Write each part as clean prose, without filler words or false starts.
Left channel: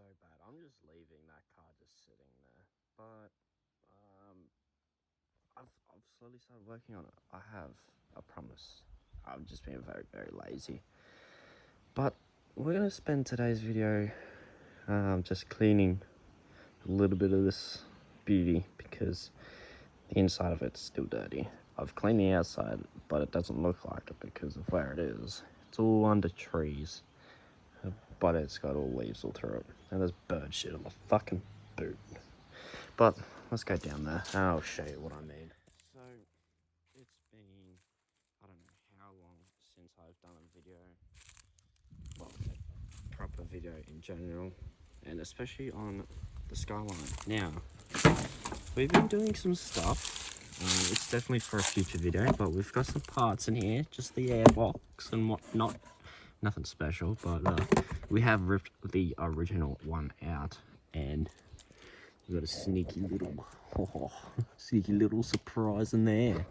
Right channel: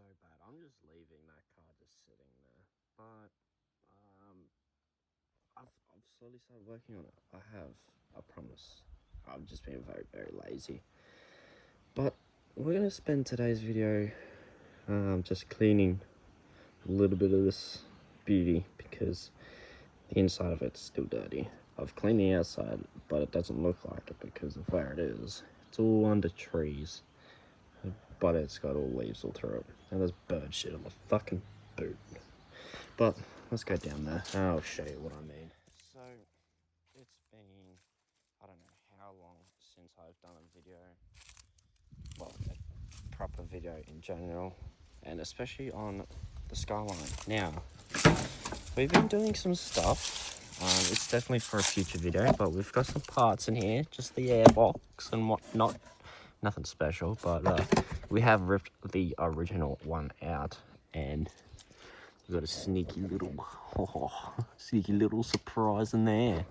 so bad. I'm just leaving that car just sitting there. But I've slowly started working on it. I have. I promise. I'm just being very, very lazy. But we're gonna spend today's video just cleaning a little bit of this beauty because the inside of it's still dirty. I've cleaned the outside, but it doesn't look like it because of where it is. It's all under trees, but it's got all leaves all through it. And there's bird shit on the fucking boot. But let's go down there and I'll show you what I mean. So, it's been, I don't know how long since I've done a video. Well, a proper video in general. And especially on the Skyline. Now, we've been doing some stuff. It's definitely for a future video, but we've got some parts in here, just the airbox and whatnot. Nothing special, but we have ripped the original one out, and we've got a sneaky little surprise in there.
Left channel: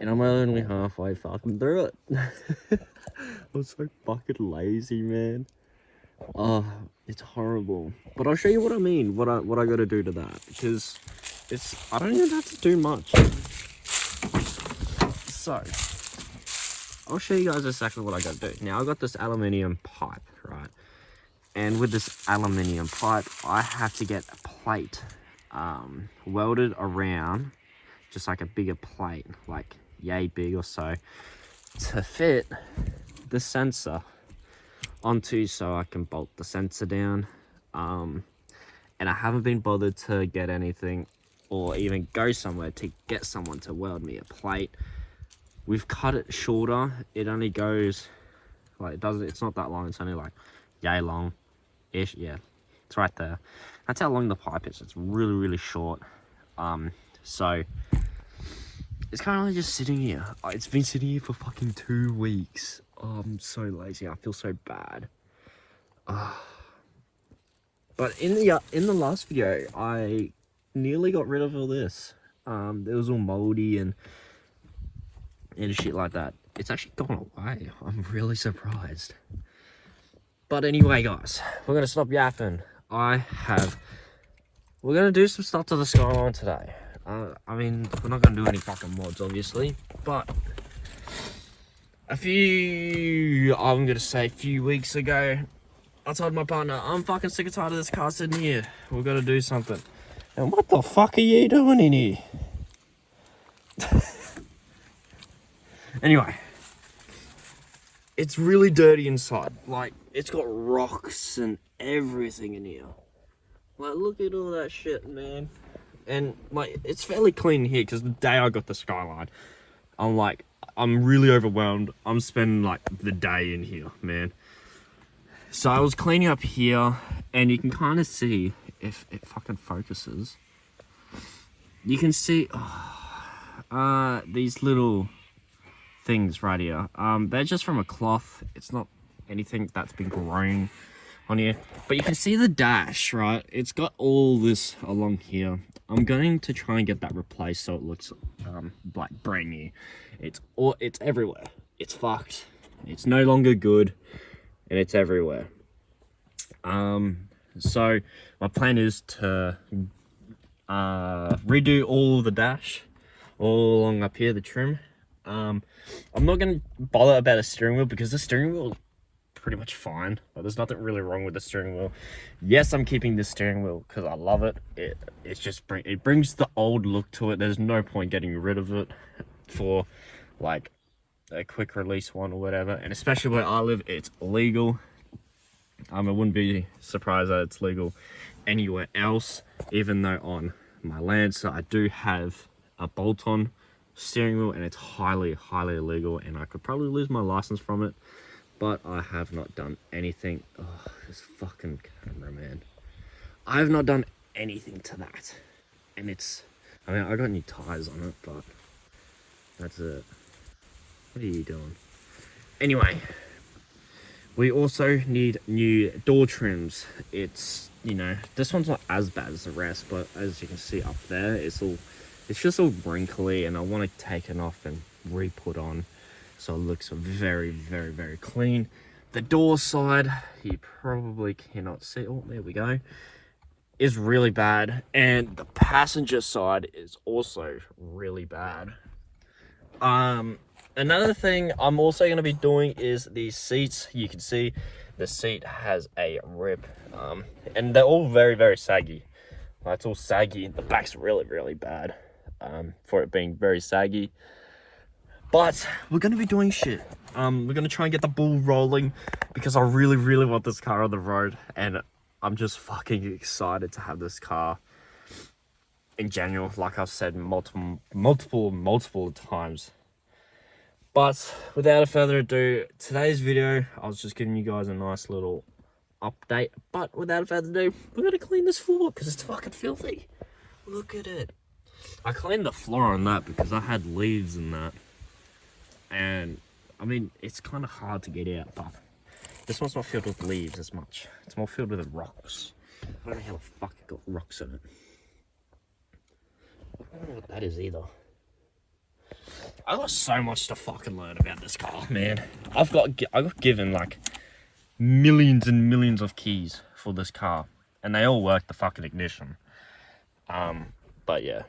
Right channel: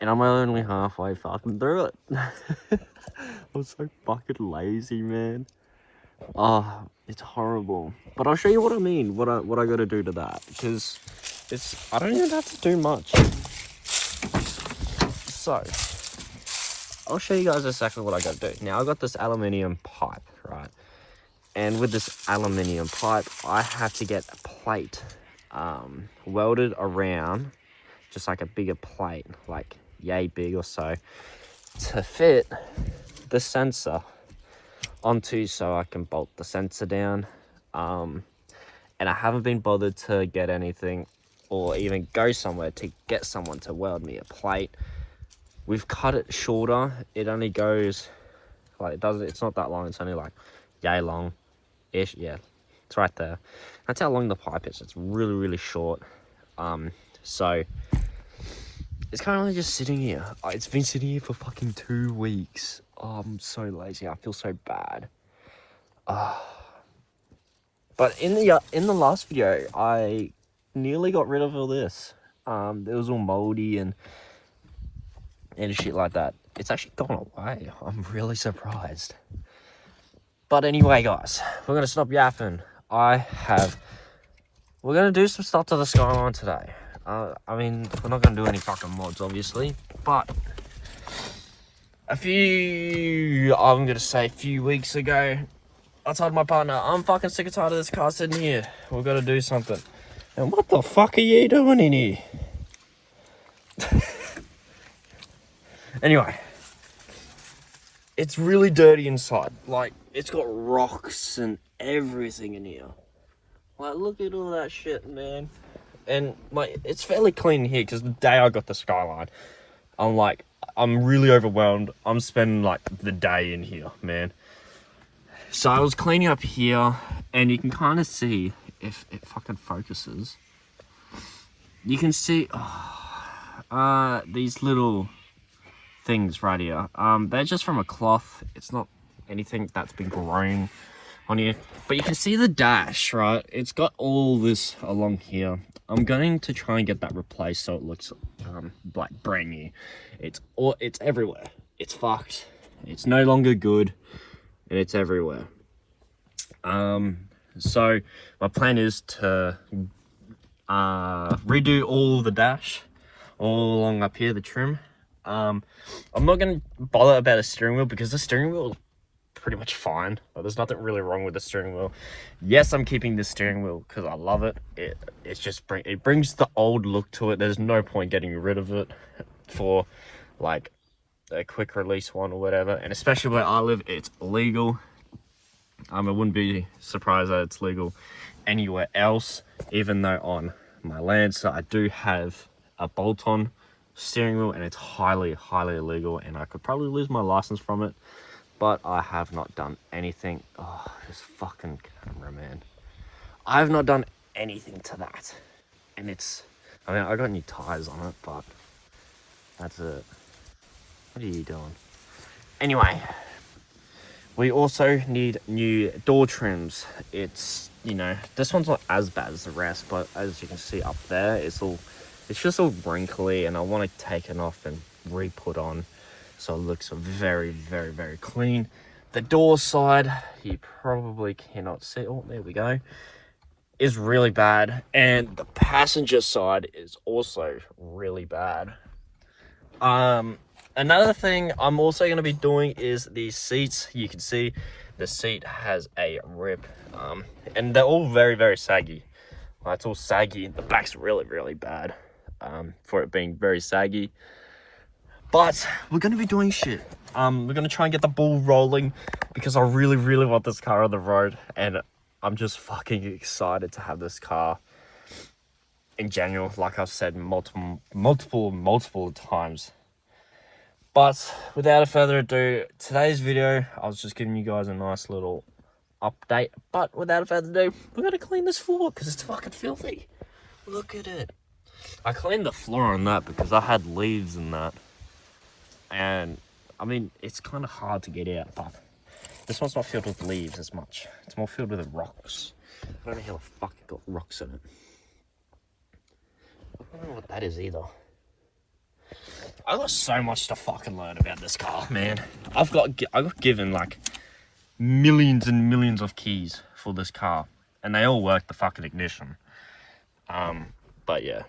And I'm only halfway fucking through it. I'm so fucking lazy, man. Oh, it's horrible. But I'll show you what I mean, what I gotta do to that, because I don't even have to do much. So, I'll show you guys exactly what I gotta do. Now, I've got this aluminium pipe, right? And with this aluminium pipe, I have to get a plate welded around, just like a bigger plate, like yay big or so, to fit the sensor onto, so I can bolt the sensor down. And I haven't been bothered to get anything or even go somewhere to get someone to weld me a plate. We've cut it shorter. It only goes like it's not that long. It's only like yay long ish. Yeah, it's right there. That's how long the pipe is. It's really, really short. So it's currently just sitting here. It's been sitting here for fucking 2 weeks. Oh, I'm so lazy. I feel so bad. But in the last video, I nearly got rid of all this. It was all moldy and shit like that. It's actually gone away. I'm really surprised. But anyway, guys, we're gonna stop yapping. We're gonna do some stuff to the Skyline today. I mean, we're not gonna do any fucking mods, obviously, but a few weeks ago, I told my partner, I'm fucking sick and tired of this car sitting here. We've got to do something. And what the fuck are you doing in here? Anyway, it's really dirty inside. Like, it's got rocks and everything in here. Like, look at all that shit, man. And, like, it's fairly clean here because the day I got the Skyline, I'm really overwhelmed. I'm spending, like, the day in here, man. So I was cleaning up here, and you can kind of see, if it fucking focuses, you can see these little things right here. They're just from a cloth. It's not anything that's been growing on here. But you can see the dash, right? It's got all this along here. I'm going to try and get that replaced so it looks like brand new. It's everywhere. It's fucked. It's no longer good. And it's everywhere. So my plan is to redo all the dash, all along up here, the trim. I'm not gonna bother about a steering wheel because the steering wheel is pretty much fine. But there's nothing really wrong with the steering wheel. Yes, I'm keeping the steering wheel because I love it. It brings the old look to it. There's no point getting rid of it for like a quick release one or whatever, and especially where I live, it's legal. I wouldn't be surprised that it's legal anywhere else, even though on my land, so I do have a bolt-on steering wheel, and it's highly illegal, and I could probably lose my license from it, but I have not done anything. Oh, this fucking camera, man. I have not done anything to that, and I got new tires on it, but that's it. What are you doing? Anyway, we also need new door trims. It's, this one's not as bad as the rest, but as you can see up there, it's just all wrinkly, and I want to take it off and re-put on so it looks very, very, very clean. The door side, you probably cannot see. Oh, there we go. Is really bad. And the passenger side is also really bad. Another thing I'm also going to be doing is the seats. You can see the seat has a rip. And they're all very, very saggy. It's all saggy. The back's really, really bad for it being very saggy. But we're going to be doing shit. We're going to try and get the ball rolling because I really, really want this car on the road. And I'm just fucking excited to have this car in January, like I've said multiple times. But without further ado, today's video, I was just giving you guys a nice little update. But without further ado, we're going to clean this floor because it's fucking filthy. Look at it. I cleaned the floor on that because I had leaves in that. And, I mean, it's kind of hard to get out, but this one's not filled with leaves as much. It's more filled with rocks. I don't know how the fuck it got rocks in it. I don't know what that is either. I got so much to fucking learn about this car, man. I got given like millions and millions of keys for this car, and they all work the fucking ignition. But yeah,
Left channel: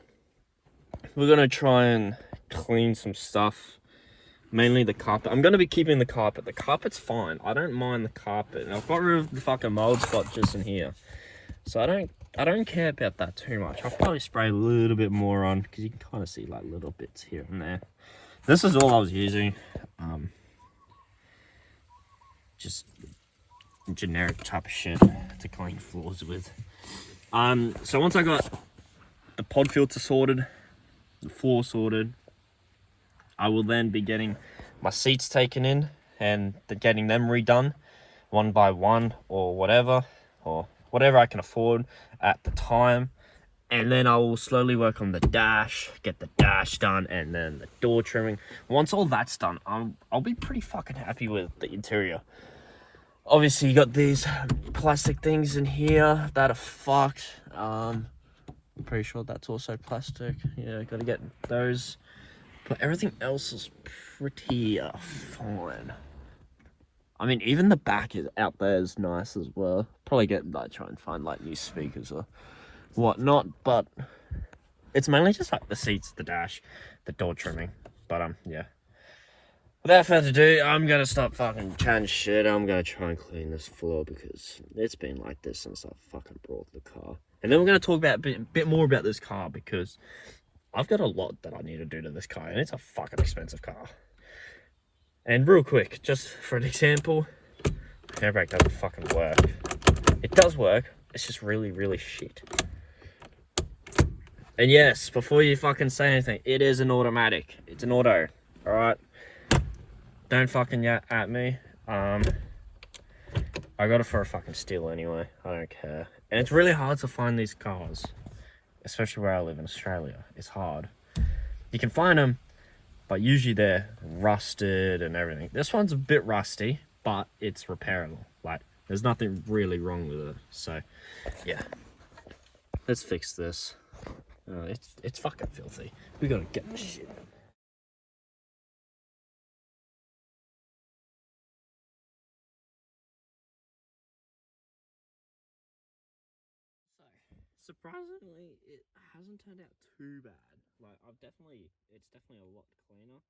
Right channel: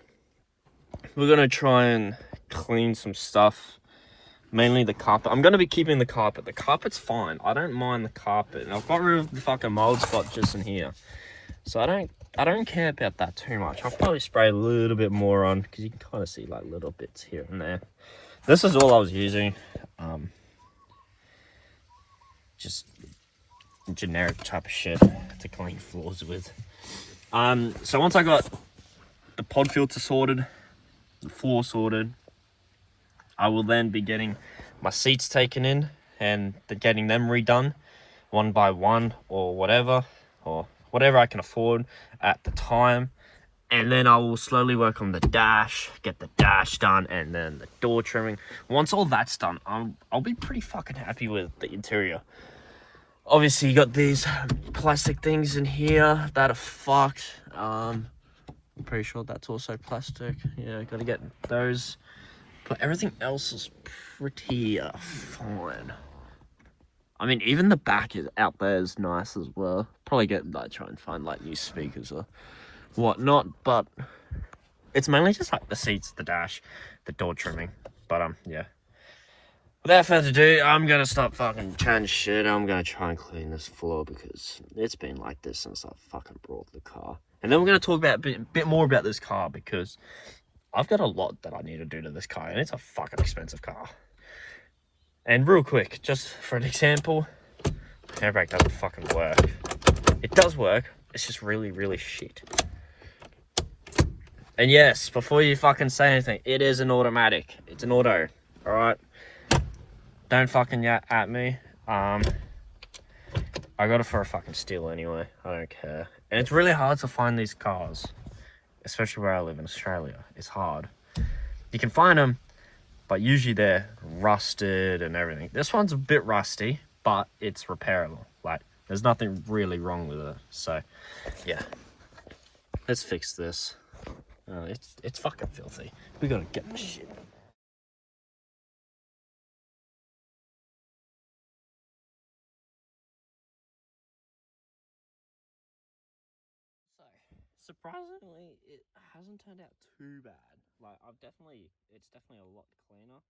we're gonna try and clean some stuff. Mainly the carpet. I'm gonna be keeping the carpet. The carpet's fine. I don't mind the carpet. I've got rid of the fucking mold spot just in here, so I don't care about that too much. I'll probably spray a little bit more on because you can kind of see like little bits here and there. This is all I was using. Just generic type of shit to clean floors with. So once I got the pod filter sorted, the floor sorted, I will then be getting my seats taken in and getting them redone one by one or whatever I can afford at the time. And then I will slowly work on the dash, get the dash done, and then the door trimming. Once all that's done, I'll be pretty fucking happy with the interior. Obviously, you got these plastic things in here that are fucked. I'm pretty sure that's also plastic. Yeah, gotta get those. But everything else is pretty fine. I mean, even the back is out there is nice as well. Probably try and find like new speakers or whatnot. But it's mainly just like the seats, the dash, the door trimming. But yeah. Without further ado, I'm gonna stop fucking trying shit. I'm gonna try and clean this floor because it's been like this since I fucking brought the car. And then we're gonna talk about a bit more about this car because I've got a lot that I need to do to this car, and it's a fucking expensive car. And real quick, just for an example, handbrake doesn't fucking work. It does work, it's just really, really shit. And yes, before you fucking say anything, it is an automatic. It's an auto, alright? Don't fucking yap at me. I got it for a fucking steal anyway, I don't care. And it's really hard to find these cars. Especially where I live in Australia, it's hard. You can find them, but usually they're rusted and everything. This one's a bit rusty, but it's repairable. Like, there's nothing really wrong with it. So, yeah. Let's fix this. It's fucking filthy. We gotta get this shit. Surprisingly, it hasn't turned out too bad. Like, it's definitely a lot cleaner.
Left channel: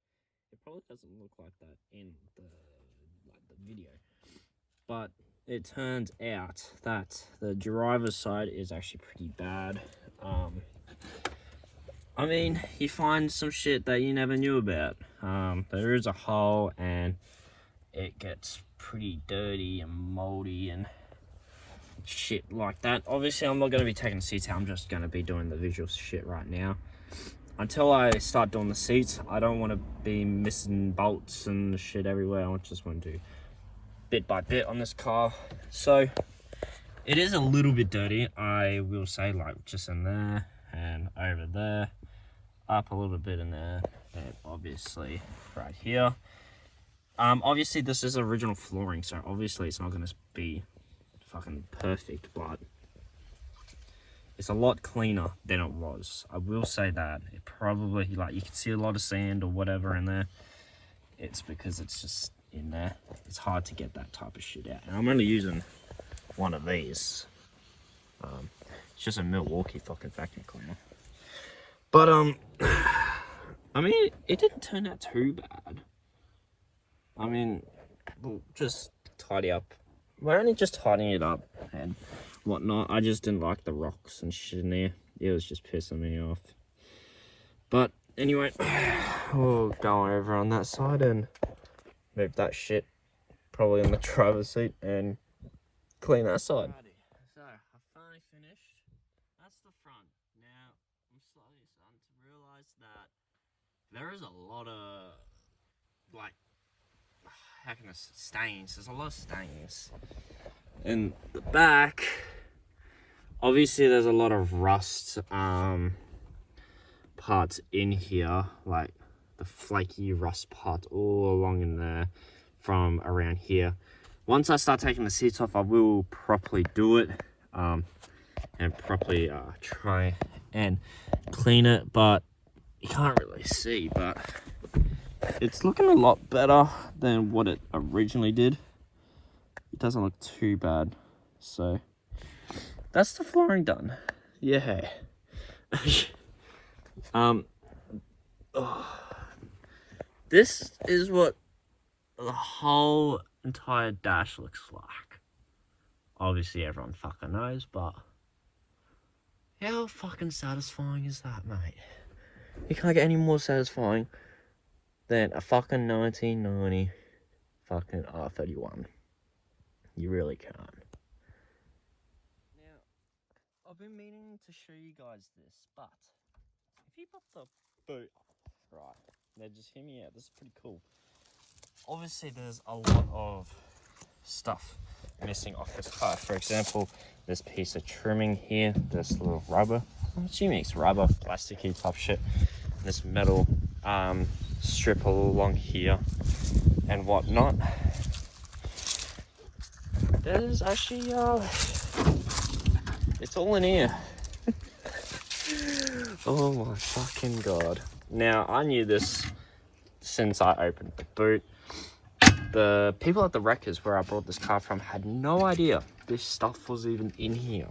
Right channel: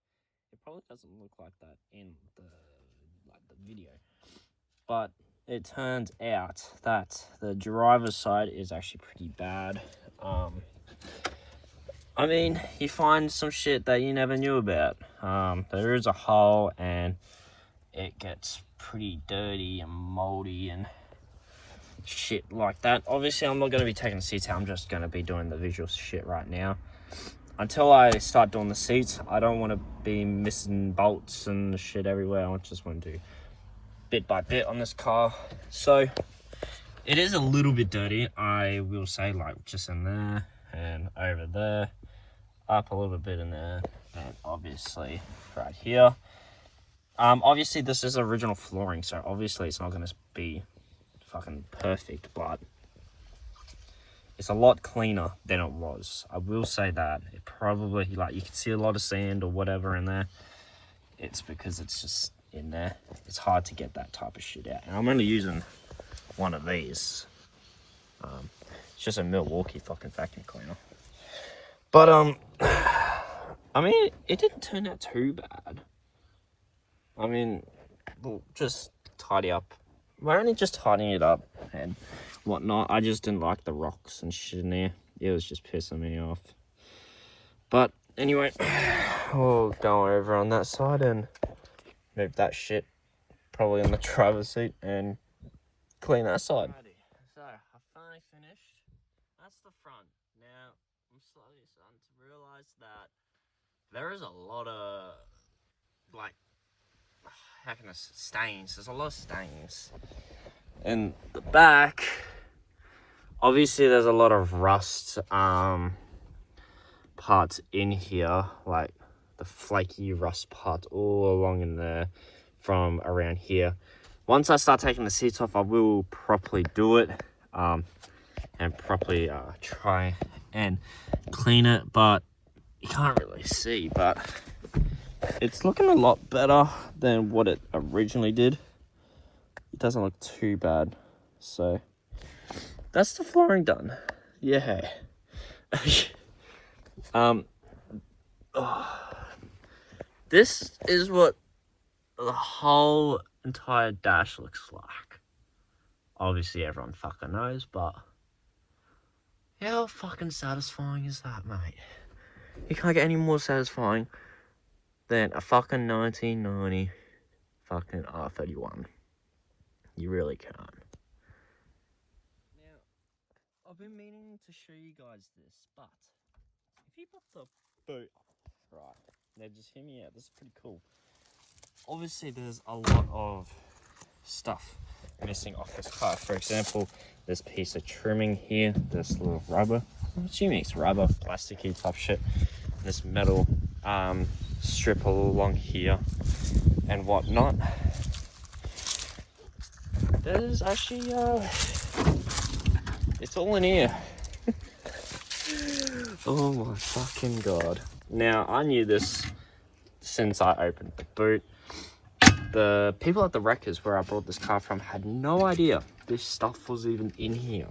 It probably doesn't look like that in the video, but it turns out that the driver's side is actually pretty bad. I mean, you find some shit that you never knew about. There is a hole and it gets pretty dirty and moldy and shit like that. Obviously, I'm not going to be taking the seats out. I'm just going to be doing the visual shit right now. Until I start doing the seats, I don't want to be missing bolts and shit everywhere. I just want to do bit by bit on this car. So, it is a little bit dirty, I will say, like just in there and over there, up a little bit in there, and obviously right here. Obviously this is original flooring, so obviously it's not going to be fucking perfect, but it's a lot cleaner than it was. I will say that. It probably, like, you can see a lot of sand or whatever in there. It's because it's just, in there. It's hard to get that type of shit out. And I'm only using one of these. It's just a Milwaukee fucking vacuum cleaner. But I mean, it didn't turn out too bad. I mean, we'll just tidy up. We're only just tidying it up and whatnot. I just didn't like the rocks and shit in there. It was just pissing me off. But anyway, we'll go over on that side and move that shit probably on the driver's seat and clean that side. So I finally finished. That's the front. Now I'm slowly starting to realize that there is a lot of, like, how can I say, stains. There's a lot of stains. In the back, obviously there's a lot of rust parts in here, like the flaky rust parts all along in there from around here. Once I start taking the seats off, I will properly do it and properly try and clean it, but you can't really see, but it's looking a lot better than what it originally did. It doesn't look too bad. So that's the flooring done. Yeah. This is what the whole entire dash looks like. Obviously everyone fucking knows, but how fucking satisfying is that, mate? You can't get any more satisfying than a fucking 1990 fucking R31. You really can't. Now, I've been meaning to show you guys this, but if you put the boot right, now just hear me out, this is pretty cool. Obviously there's a lot of stuff missing off this car. For example, this piece of trimming here, this little rubber, I'm assuming it's rubber, plasticky type shit, this metal strip all along here and whatnot. There's actually it's all in here. Oh my fucking god. Now I knew this since I opened the boot. The people at the wreckers where I bought this car from had no idea this stuff was even in here.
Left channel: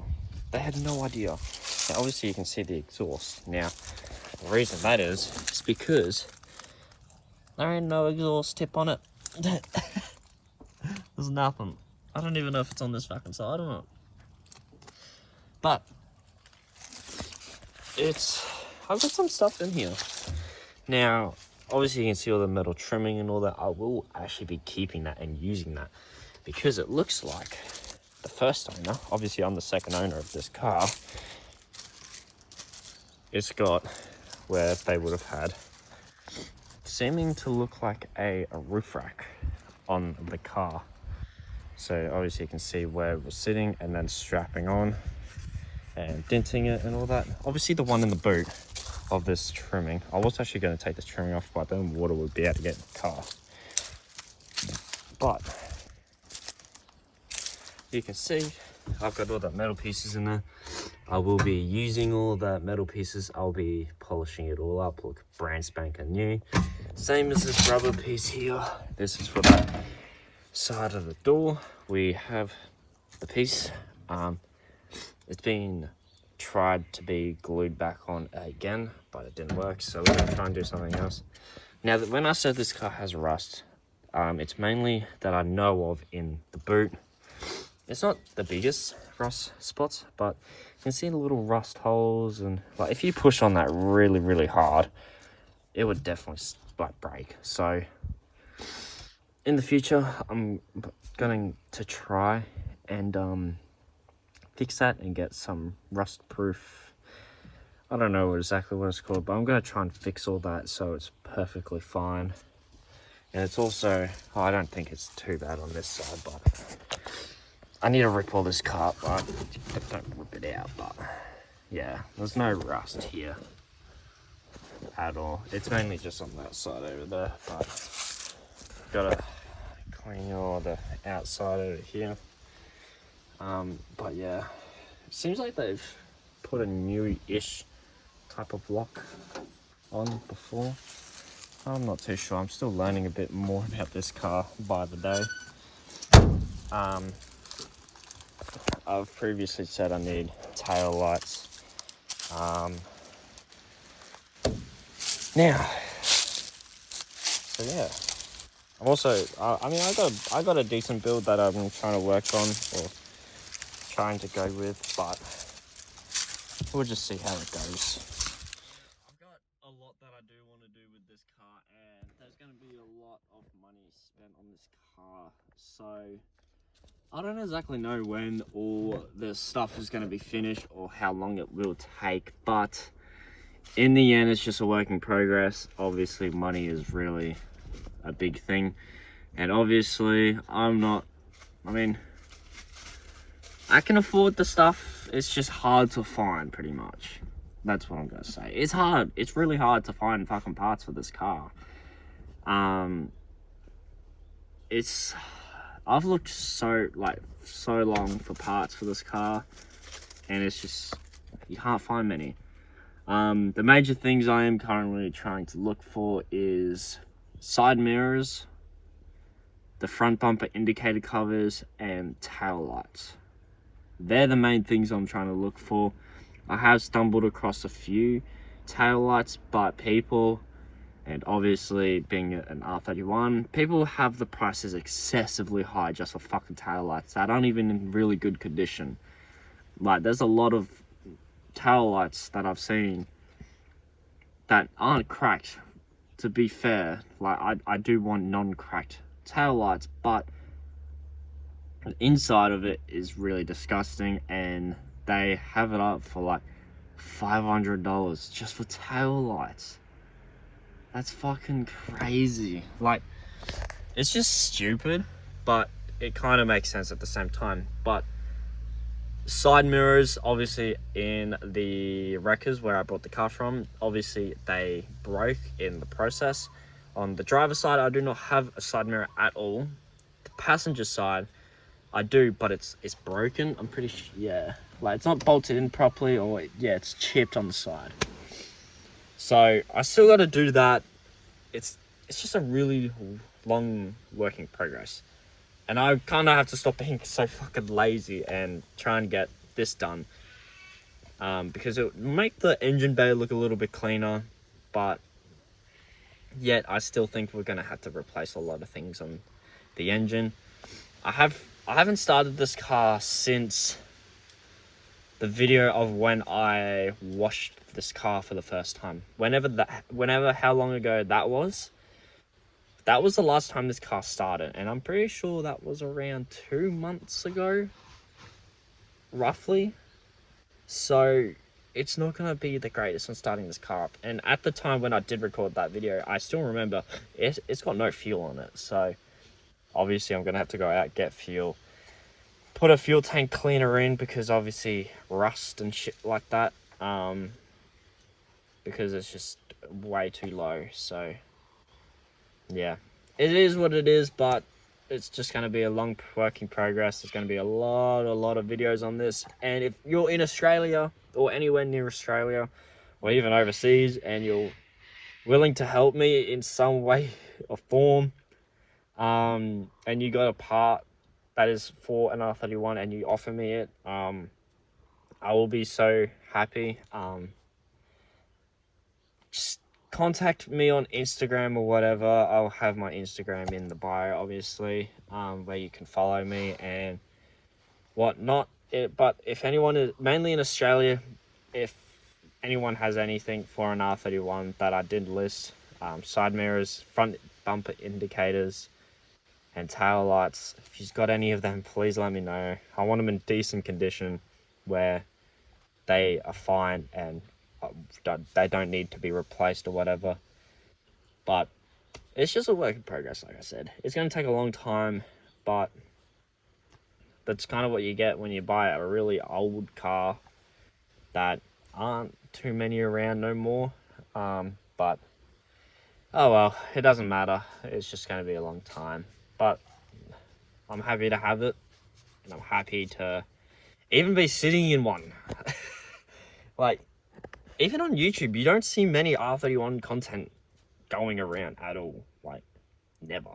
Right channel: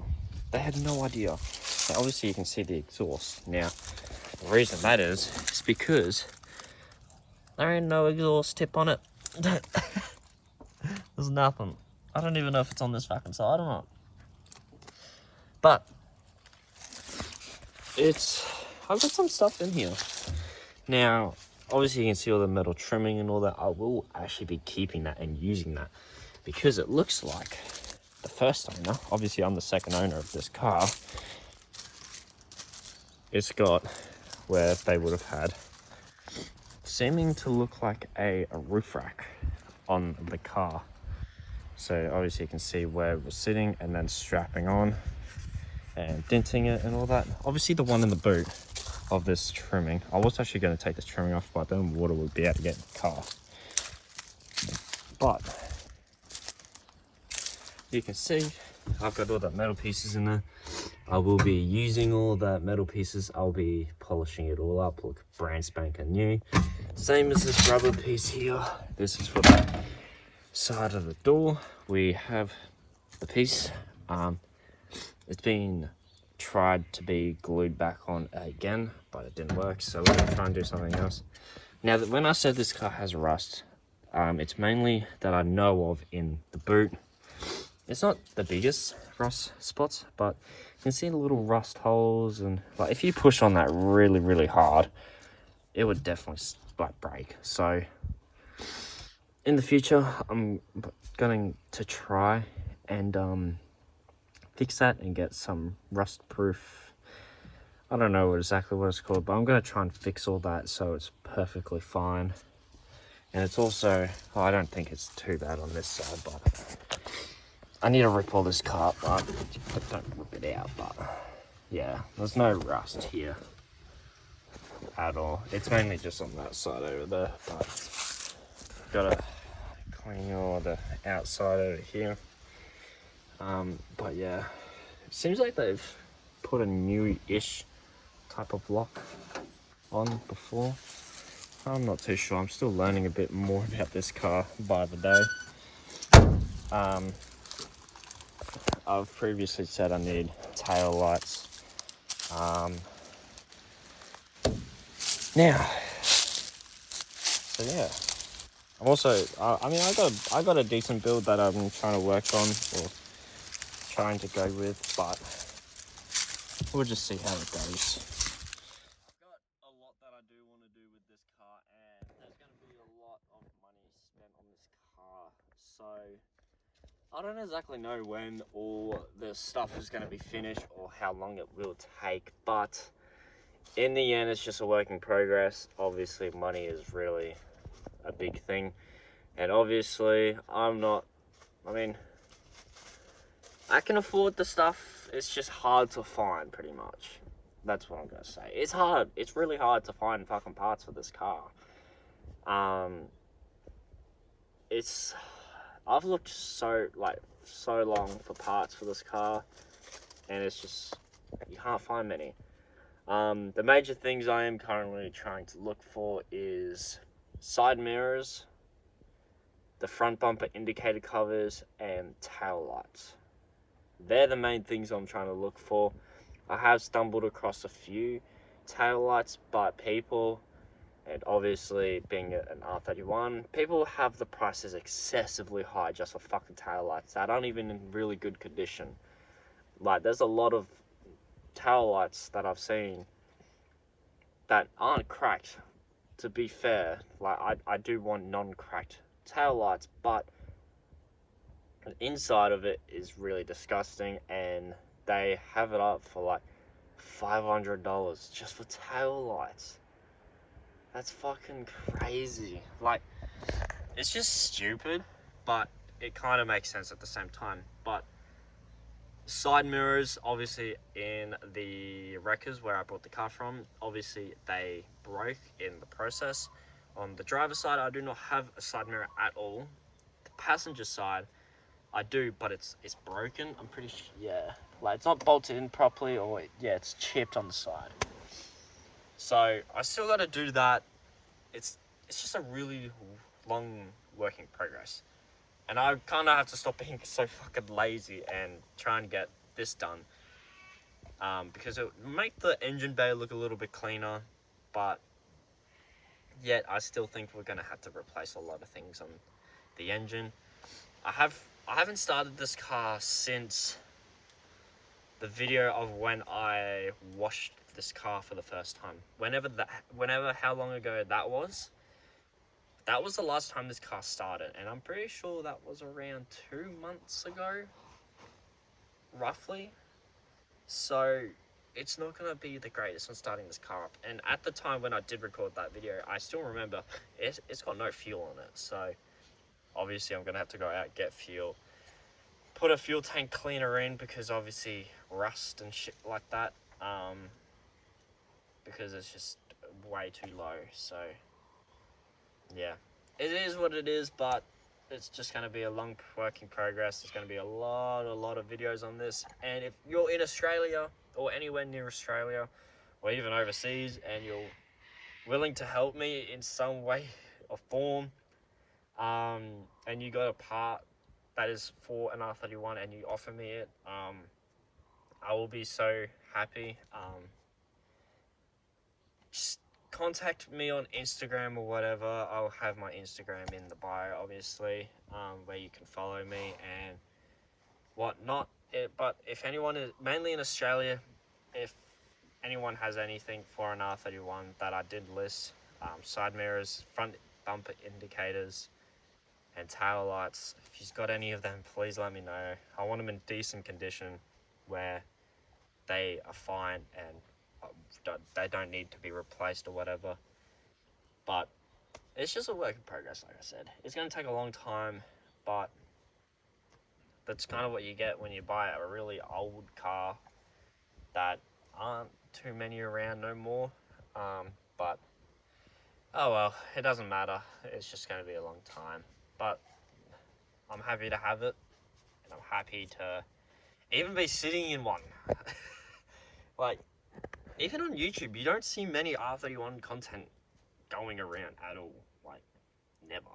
They had no idea. So obviously you can see the exhaust. Now the reason that is because there ain't no exhaust tip on it. There's nothing. I don't even know if it's on this fucking side or not. But I've got some stuff in here. Now, obviously you can see all the metal trimming and all that. I will actually be keeping that and using that because it looks like the first owner, obviously I'm the second owner of this car, it's got where they would have had seeming to look like a roof rack on the car. So obviously you can see where it was sitting and then strapping on and denting it and all that. Obviously the one in the boot of this trimming, I was actually going to take this trimming off, but then water would be able to get in the car. But you can see I've got all that metal pieces in there. I will be using all that metal pieces. I'll be polishing it all up, look brand spanking new. Same as this rubber piece here. This is for the side of the door. We have the piece. It's been tried to be glued back on again, but it didn't work, so we're going to try and do something else. Now, when I said this car has rust, it's mainly that I know of in the boot. It's not the biggest rust spots, but you can see the little rust holes, and like if you push on that really, really hard, it would definitely like break. So in the future, I'm going to try and fix that and get some rust proof, I don't know exactly what it's called, but I'm going to try and fix all that so it's perfectly fine. And it's also, I don't think it's too bad on this side, but I need to rip all this car up, don't rip it out, but yeah, there's no rust here at all. It's mainly just on that side over there, but gotta clean all the outside over here. But yeah, it seems like they've put a new-ish type of lock on before. I'm not too sure. I'm still learning a bit more about this car by the day. I've previously said I need tail lights. Now, so yeah. I'm also, I mean, I got a decent build that I'm trying to work on, or trying to go with, but we'll just see how it goes. I've got a lot that I do want to do with this car, and there's going to be a lot of money spent on this car, so I don't exactly know when all this stuff is going to be finished or how long it will take, but in the end, it's just a work in progress. Obviously, money is really a big thing, and obviously, I mean, I can afford the stuff. It's just hard to find, pretty much. That's what I'm gonna say. It's hard. It's really hard to find fucking parts for this car. I've looked so long for parts for this car, and it's just, you can't find many. The major things I am currently trying to look for is side mirrors, the front bumper indicator covers, and tail lights. They're the main things I'm trying to look for. I have stumbled across a few tail lights, but people, and obviously being an R31, people have the prices excessively high just for fucking tail lights that aren't even in really good condition. Like, there's a lot of tail lights that I've seen that aren't cracked, to be fair. Like, I do want non-cracked tail lights, but the inside of it is really disgusting, and they have it up for like $500 just for tail lights. That's fucking crazy. Like, it's just stupid, but it kind of makes sense at the same time. But side mirrors, obviously, in the wreckers where I brought the car from, obviously they broke in the process. On the driver's side, I do not have a side mirror at all. The passenger side, I do, but it's broken. I'm pretty sure, yeah. Like, it's not bolted in properly, or yeah, it's chipped on the side. So I still got to do that. It's just a really long work in progress, and I kind of have to stop being so fucking lazy and try and get this done. Because it would make the engine bay look a little bit cleaner, but yet I still think we're gonna have to replace a lot of things on the engine. I haven't started this car since the video of when I washed this car for the first time. How long ago that was the last time this car started, and I'm pretty sure that was around 2 months ago, roughly. So it's not gonna be the greatest on starting this car up. And at the time when I did record that video, I still remember it's got no fuel on it. So obviously I'm gonna have to go out, get fuel, put a fuel tank cleaner in, because obviously rust and shit like that, because it's just way too low. So yeah, it is what it is, but it's just going to be a long work in progress. There's going to be a lot of videos on this, and if you're in Australia or anywhere near Australia or even overseas, and you're willing to help me in some way or form, and you got a part that is for an R31 and you offer me it, I will be so happy. Just contact me on Instagram or whatever. I'll have my Instagram in the bio, obviously, where you can follow me and whatnot. But if anyone is, mainly in Australia, if anyone has anything for an R31 that I did list, side mirrors, front bumper indicators, and tail lights, if you've got any of them, please let me know. I want them in decent condition where they are fine and they don't need to be replaced or whatever. But it's just a work in progress, like I said. It's going to take a long time, but that's kind of what you get when you buy a really old car that aren't too many around no more. But oh well, it doesn't matter. It's just going to be a long time. But I'm happy to have it, and I'm happy to even be sitting in one. Like, even on YouTube, you don't see many R31 content going around at all, like never.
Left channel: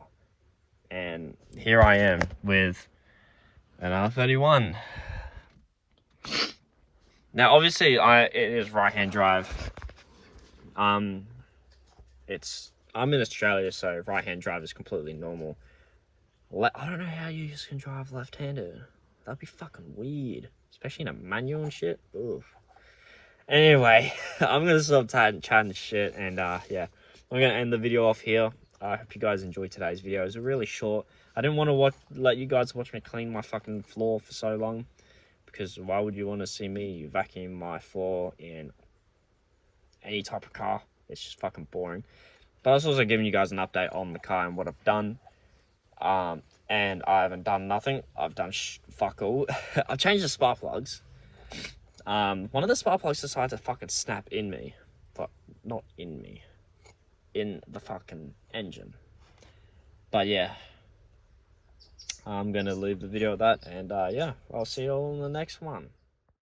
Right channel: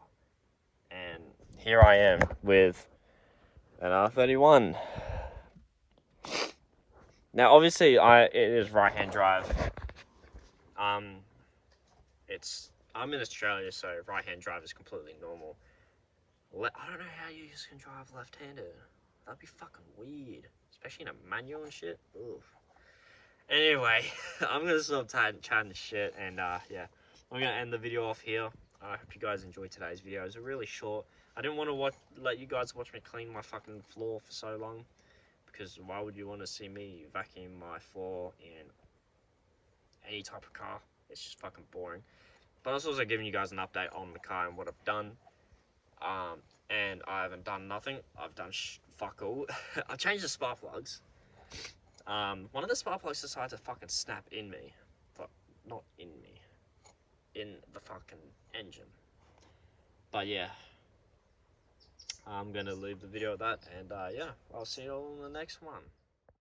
And here I am with an R31. Now, obviously, it is right-hand drive. I'm in Australia, so right-hand drive is completely normal. I don't know how you can drive left-handed. That'd be fucking weird, especially in a manual and shit. Oof. Anyway, I'm gonna stop chatting shit, and yeah, I'm gonna end the video off here. I hope you guys enjoyed today's video. It was really short. I didn't want to let you guys watch me clean my fucking floor for so long, because why would you want to see me vacuum my floor in any type of car? It's just fucking boring. But I was also giving you guys an update on the car and what I've done. And I haven't done nothing. I've done fuck all. I've changed the spark plugs. One of the spark plugs decided to fucking snap in me, but not in me, in the fucking engine. But yeah, I'm gonna leave the video at that, and yeah, I'll see you all in the next one.